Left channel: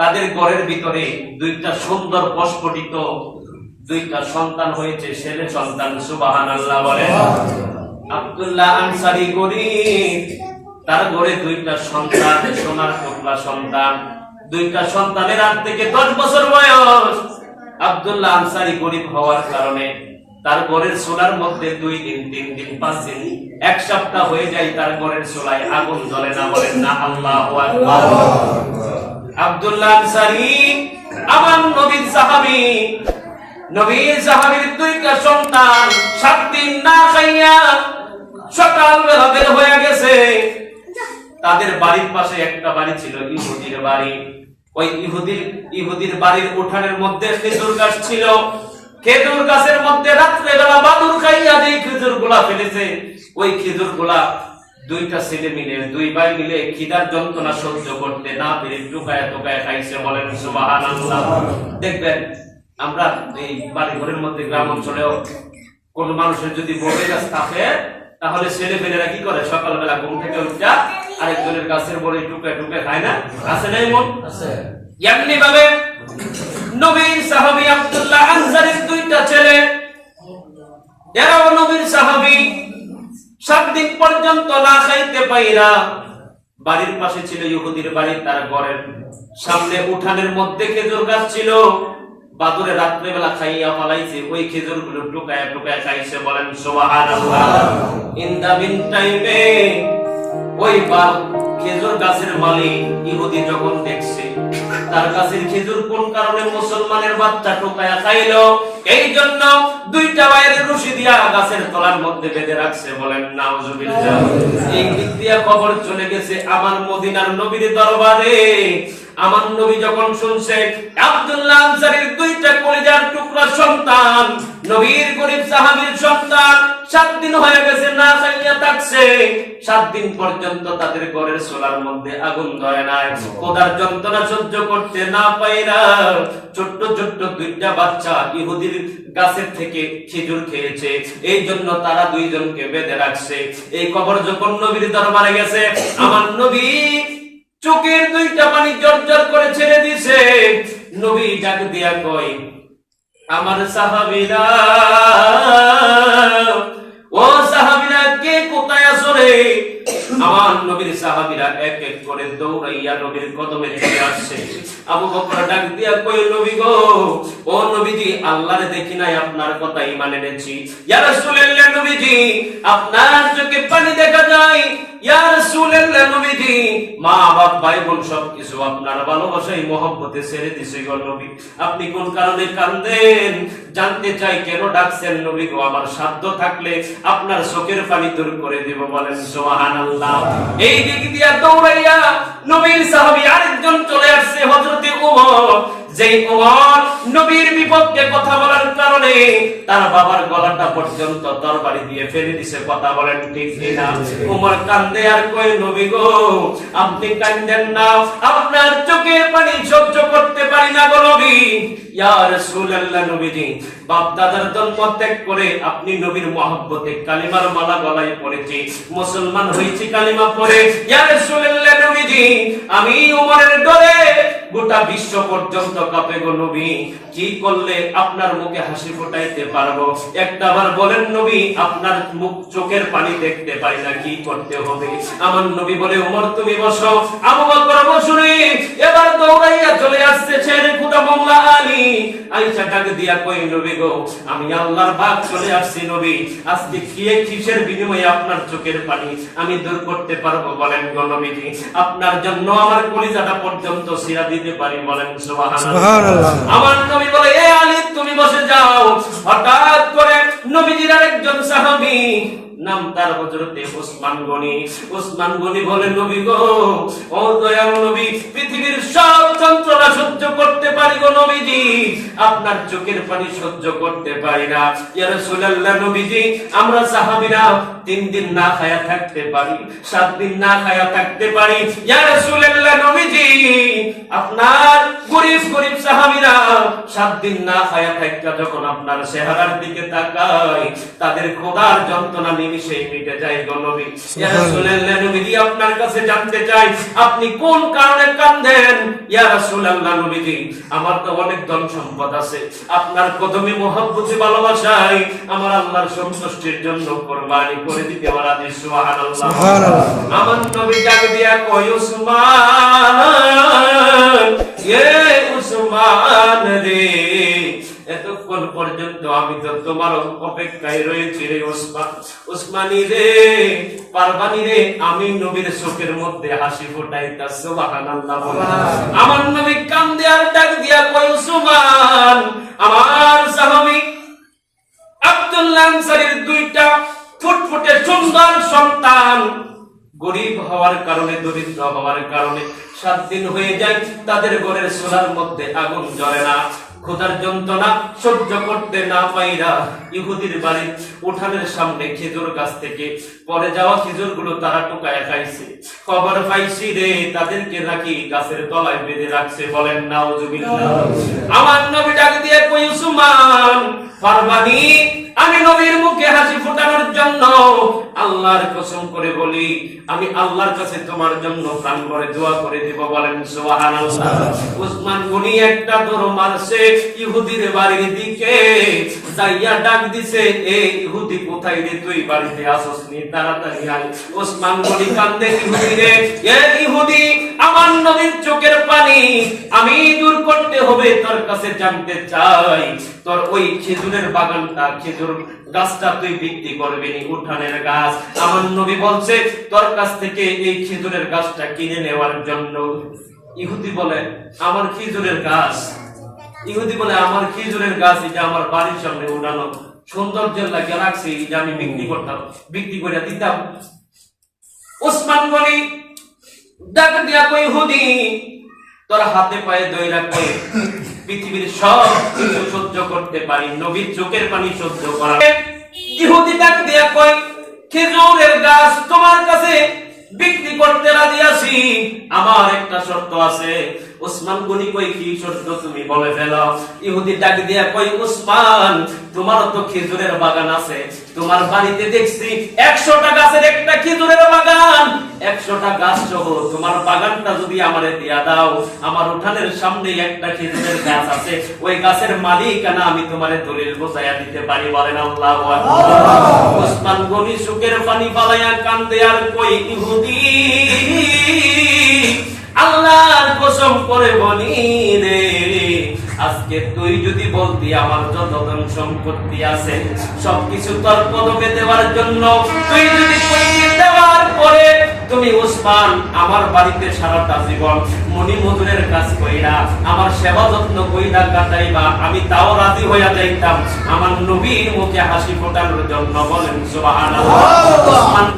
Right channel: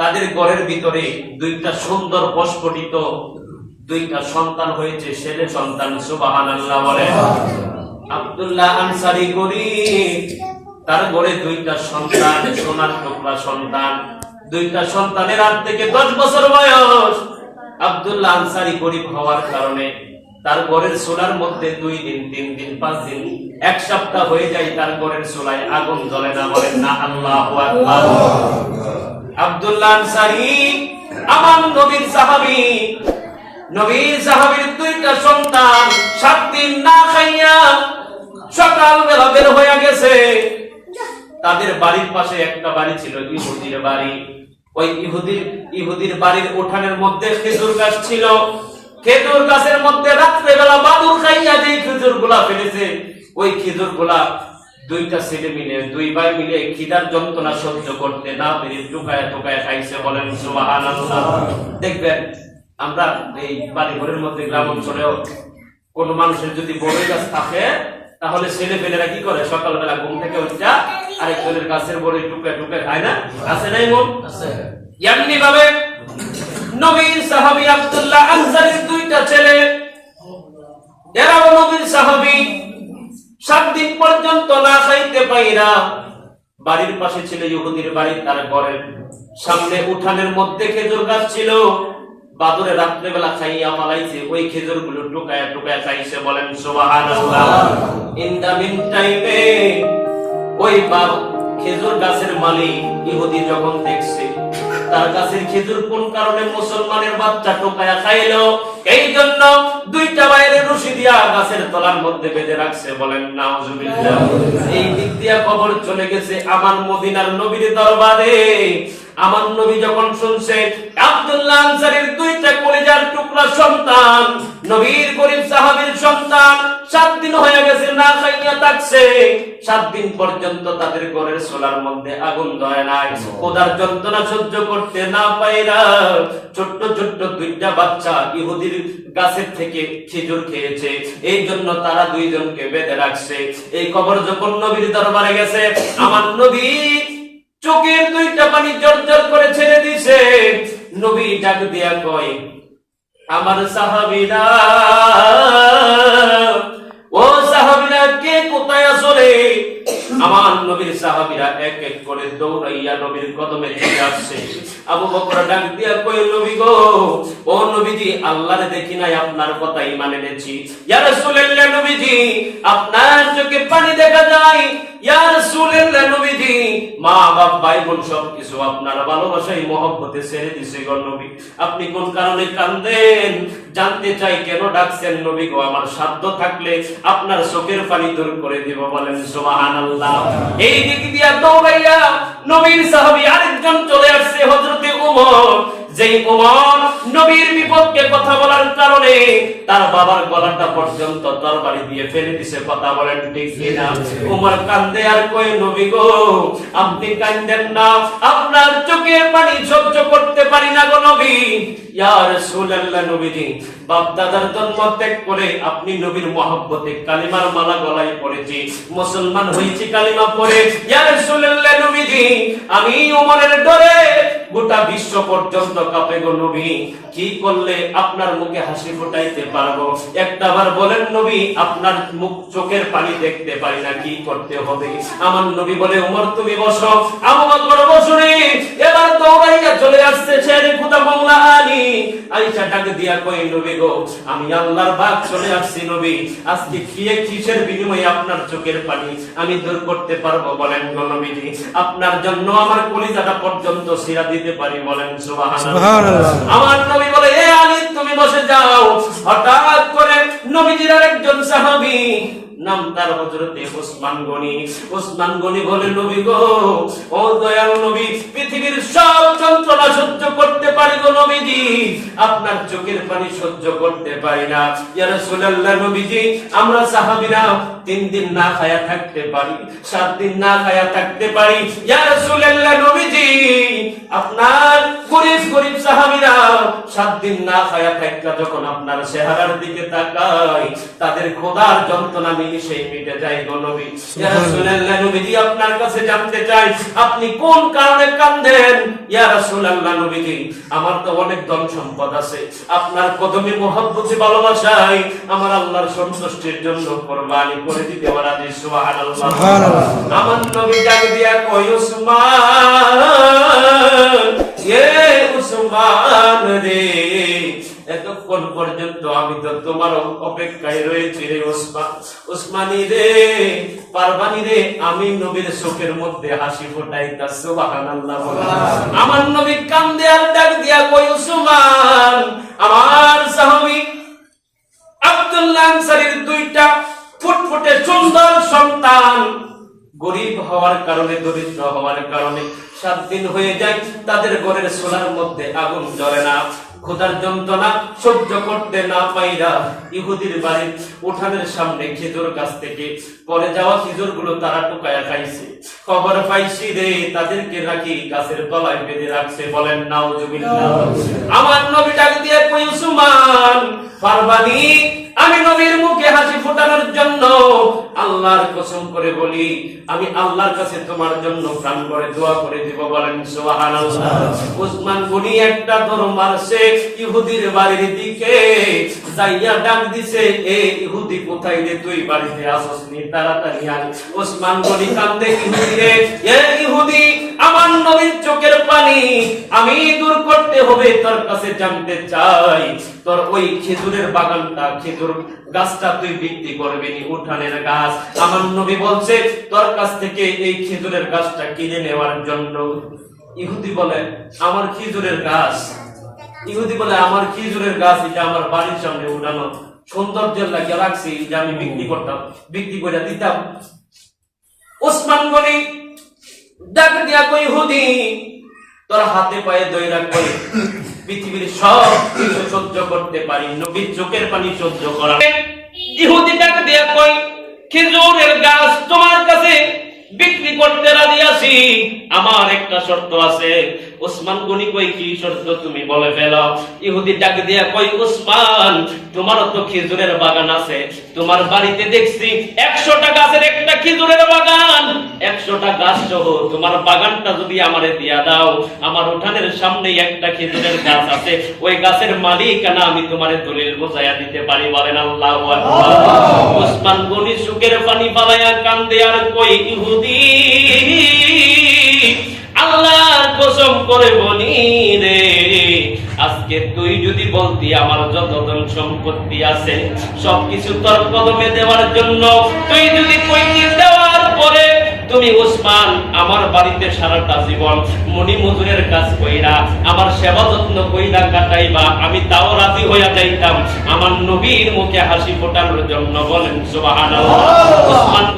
তাদের ঘরের ভিতরে দুইটা সুন্দর প্রস্ফুটিত দুইটা সন্তান হয়েছে, ছেলে সন্তান। সুবহানাল্লাহ বলেন। আব্দুল্লাহ আনসারী গরীব, তার ঘরে দুইটা সন্তান, সোনার টুকরা সন্তান। দুইটা সন্তানের 8 থেকে 10 বছর বয়স। আব্দুল্লাহ আনসারী গরীব হওয়ার কারণে তার ঘরের চুলার মধ্যে 2 দিন 3 দিন 5 দিন 1 সপ্তাহ হয়ে যায় তার ঘরের চুলায় আগুন জ্বলে না। বলেন না আল্লাহু আকবার। আব্দুল্লাহ আনসারী আমার নবীর সাহাবী, নবীর সাহাবীর দুইটা সন্তান 7 দিন না খাইয়া সকালবেলা বের হয়ে গেছে। তাদের বাড়ির পাশে একটা বাড়ি ছিল, ইহুদির বাড়ি। ওই ইহুদির বাড়ির উঠানের মধ্যে খেজুর গাছ ছিল। খেজুর গাছের মধ্যে রাত্রেবেলা বাদুর খাইয়া যে খেজুরগুলা ফেলেছে, ওই খেজুরগুলা দুইটা ছেলে মিলে, 2 ভাই মিলে খিদার যন্ত্রণা সহ্য করতে না পেরে টুকায় টুকায় খাইছে। বলেন সুবহানাল্লাহ। দেখবেন আমরা এই বাড়ি ঘরের মধ্যে গ্রাম অঞ্চলেও কোন মানুষের যদি বড় গাছ থাকে, তাহলে ছেলে পেলেরা কি করে, সকালবেলা ঘুম থেকে উঠা আরেকজনের গাছের বড়ি টুকায় টুকায় খায় না? আছে নাই মন? আছে। এমনি ভাবে নবীর সাহাবী আব্দুল্লাহ আনসারীর দুইটা ছেলে, এরাও নবীর সাহাবী। 7 দিন পর্যন্ত না খাইতে পাইরা বাড়ির পাশে ছিল ইহুদির বাড়ি, তার ঘরের সামনে উঠানের মধ্যে খেজুর গাছ ছিল। বাদুরে রাত্রেবেলা খাইয়া ফালাইছে, ওই খেজুরগুলো টুকায়া টুকায়া খাইছে। বলেন সুবহানাল্লাহ। ইন দা মিন টাইমে ওই খেজুর গাছের মালিক ইহুদি যখন দেখছে তার গাছের খেজুর কোন কারণে মুসলমানের বাচ্চা টুকায়া খাইলো, এই জন্য 2টা বাইরের রশি দিয়া গাছের তলার মধ্যে বেঁধে রাখছে। বলেন নাউজুবিল্লাহ। এই দিক দিয়া খবর চলে গেছে আমার মদিনার নবীর দরবারে। আমার নবী যখন শুনছে আব্দুল্লাহ আনসারীর 2টা কলিজার টুকরা সন্তান, নবীর গরীব সাহাবীর সন্তান 7 দিন হয়ে গেছে না খাইয়া থাকছে। 7 দিন পর্যন্ত তাদের ঘরের চুলার মধ্যে আগুন ধরে নাই। খোদার যন্ত্রণা সহ্য করতে না পাইরা ছোট্ট ছোট্ট 2টা বাচ্চা ইহুদির গাছের থেকে খেজুর খেয়েছে, এই জন্য তারা 2 জনকে বেঁধে রাখছে। এই খবর যখন নবীর দরবারে গেছে, আমার নবী চোখের 2টা পানি জড়জড় করে ছেড়ে দিছে। নবী ডাক দিয়া কয়, আমার সাহাবীরা, ও সাহাবীরা কে কোথায় আছো রে? আমার নবীর সাহাবীরা এক এক করে দৌড়াইয়া নবীর কদমে চলে আসছে। আবু বকর ডাক দিয়া কয়, নবী গো, ও নবীজি, আল্লাহরে দেখি নাই, আপনার কথা ঈমান এনেছি। ইয়া রাসূলুল্লাহ, নবীজি আপনার চোখে পানি দেখা যায়। ইয়া রাসূলুল্লাহ, নবীজি মা বাপ ভাই বোন সবকিছু আপনার ভালোবাসায় মহব্বতে ছেড়ে দিছে গো নবী। আপনি কোন কারণে কাঁদেন? জানতে চাই কেন ডাকছেন? নবী গো, আমার সাধ্য থাকলে আপনার চোখের পানি দূর করে দেব। বলেন সুবহানাল্লাহ। এই দিক দিয়া দৌড়াইয়া নবীর সাহাবী আরেকজন চলে আসছে, হযরত ওমর। যেই ওমর নবীর বিপক্ষে কথা বলার কারণে তার বাবার গলাটা পর্যন্ত তরবারি দিয়ে ফেলে দিছে। কথা বলেন ঠিক কিনা? ওমর কান্দে আর কয়, নবী গো, আপনি কাঁদেন না, আপনার চোখের পানি সহ্য করতে পারি না গো নবী। ইয়া রাসূলুল্লাহ, নবীজি বাপ দাদার জন্ম ত্যাগ করে আপনি নবীর মহব্বতে কালিমার মালা গলায় পড়েছি, মুসলমান হয়েছি কালিমা পড়ে। ইয়া রাসূলুল্লাহ, নবীজি আমি ওমরের ডরে গোটা বিশ্ব পর্যন্ত কাঁপে গো নবী। কি করলে আপনার মুখে হাসি ফোটাইতে পারবো? একটাবার বলেন নবী, আপনার মুখ চোখের পানি দেখতে পারি না, কি করতে হবে? আমার নবী বলে, ওমর তুমি বসো। আবু বকর বসুনি। এবার দৌড়াইয়া চলে আসছে ছেড়ে খোদা মোল্লা আলী। আয়েশা ডাক দিয়া কই, নবী গো, আমি আল্লাহর বাগ চলে আসছি নবী, আজকে খেয়ে কিসের বিনিময়ে আপনার চোখের পানি আমি দূর করতে পারবো? বলেন গো নবীজি, আপনার জন্য আমার কলিজাটা পর্যন্ত ছিঁড়া দিতে পারি। বলেন সুবহানাল্লাহ। আমার নবী বলে, এ আলী তুমি বসে যাও। হঠাৎ করে নবীজির একজন সাহাবী, নাম তার হযরতে ওসমান গনি। ওসমান গনি বলে, নবী গো, ও দয়াল নবী, পৃথিবীর সব যন্ত্রণা সহ্য করতে পারি গো নবীজি, আপনার চোখের পানি সহ্য করতে পারি না। ইয়া রাসূলুল্লাহ, নবীজি আমরা সাহাবীরা 3 দিন না খায়া থাকতে পারি, 7 দিন না খায়া থাকতে পারি। ইয়া রাসূলুল্লাহ, নবীজি আপনার গরীব গরীব সাহাবীরা 7 দিন না খায়া থাকা যখন আপনার চেহারার দিকে তাকাই, তাদের খোদার যন্ত্রণা নিমিষেই মিটে যায় গো নবী। ইয়া রাসূলুল্লাহ, নবীজি আপনার কাছে জানতে চাই আপনি কোন কারণে কাঁদেন? ইয়া রাসূলুল্লাহ, নবীজি আমার তো অনেক ধন সম্পদ আছে, আপনার কদমে মহব্বতে ভালোবাসায় আমার আল্লাহর সন্তুষ্টির জন্য কুরবানি করে দিতে রাজি। সুবহানাল্লাহ, সুবহানাল্লাহ। আমার নবী ডাক দিয়া কই, উসমান, এ উসমান রে, এতক্ষণ পর্যন্ত আমি তো তোমার অপেক্ষায় রয়েছি রে উসমান। উসমানী রে, পারবানি রে, আমি নবীর চোখের মধ্যে হাসি ফোটাইতা। সুবহানাল্লাহ। আমার নবী কান্দে আর ডাক দিয়া কই, উসমান, আমার সাহাবী আব্দুল্লাহ আনসারীর 2টা ফুটফুটে সুন্দর সন্তান গরিব হওয়ার কারণে, দরিদ্র হওয়ার কারণে 7 দিন হয়ে যায় তাদের ঘরের চুলার মধ্যে আগুন জ্বলে না। খোদার যন্ত্রণা সহ্য করতে না পাইরা ইহুদির বাড়ির উঠানের সামনে খেজুর গাছ থেকে পরে যাওয়া খেজুর গুলো তারা টুকায় খাইছে। খবর পাইছি রে, তাদেরকে নাকি গাছের তলায় বেঁধে রাখছে। বলেন নাউজুবিল্লাহ। আমার নবী ডাক দিয়ে কই, উসমান, পারবানি, আমি নবীর মুখে হাসি ফোটানোর জন্য আল্লাহর কসম করে বলি, আমি আল্লাহর কাছে তোমার জন্য প্রাণ ভরে দোয়া করে দিব। বলেন সুবহানাল্লাহ। উসমান গনি একটা দৌড় মারছে ইহুদির বাড়ির দিকে, যাইয়া ডাক দিছে, এ ইহুদি কোথায় রে, তুই বাড়িতে আসস নি, তাড়াতাড়ি আয়। উসমান গনি কান্দে, ইহুদি রে, এ ইহুদি, আমার নবীর চোখের পানি আমি দূর করতে হবে, তোর কাছে জানতে চাই তোর ওই খেজুরের বাগানটা, খেজুর গাছটা তুই বিক্রি করবি নি, উঠানের গাছ। আমার নবী বলছে তোর কাছ থেকে এই খেজুরের গাছটা কিনে নেওয়ার জন্য। ইহুদি বলে আমার খেজুরের গাছ, ইহুদি বলে আমার খেজুরের গাছ, এটা আমার বাড়ির সামনে উঠানো, সৌন্দর্যের লাগিয়ে রাখছি, এটা আমি বিক্রি করতাম, বিক্রি করে দিতাম। ওসমান গনি ডাক দিয়া কই, ইহুদি, তোর হাতে পায়ে দইরা কই, পৃথিবীর সব কিছু সহ্য করতে পারি, নবীর চোখের পানি সহ্য করা। ইহুদি ডাক দিয়া কই, খেজুরের গাছ তোমার কাছে বিক্রি করতে রাজি আছি, আমার একটা শর্ত আছে। ওসমান গনি কই, কি শর্ত তুমি বলে ফেলো। ইহুদি ডাক দিয়া কই, ওসমান, তোমারও তো খেজুরের বাগান আছে, তোমার বাড়িতে দেখছি 100টা গাছের একটা খেজুরের বাগান, 100টা গাছ সহ তোমার বাগানটা যদি আমারে দিয়া দাও, আমার উঠানের সামনেই একটা খেজুরের গাছ আছে, ওই গাছের মালিকানা আমি তোমারে দলিল বোঝাইয়া দিতে পারি। বলেন আল্লাহু আকবার। ওসমান গনি চোখের পানি ফালাইয়া কান্দে আর কই, ইহুদি, আল্লাহর কসম করে বলি রে, আজকে তুই যদি বলতি আমার যত ধন সম্পত্তি আছে সবকিছু তোর কদমে দেওয়ার জন্য, তুই যদি কইতি দেওয়ার পরে তুমি ওসমান আমার বাড়িতে সারাটা জীবন মনি মজুরের কাজ কইরা আমার সেবা যত্ন কইরা কাটাইবা, আমি তাও রাজি হইয়া যাইতাম আমার নবীর মুখে হাসি ফোটানোর জন্য। বলেন সুবহানাল্লাহ। ওসমান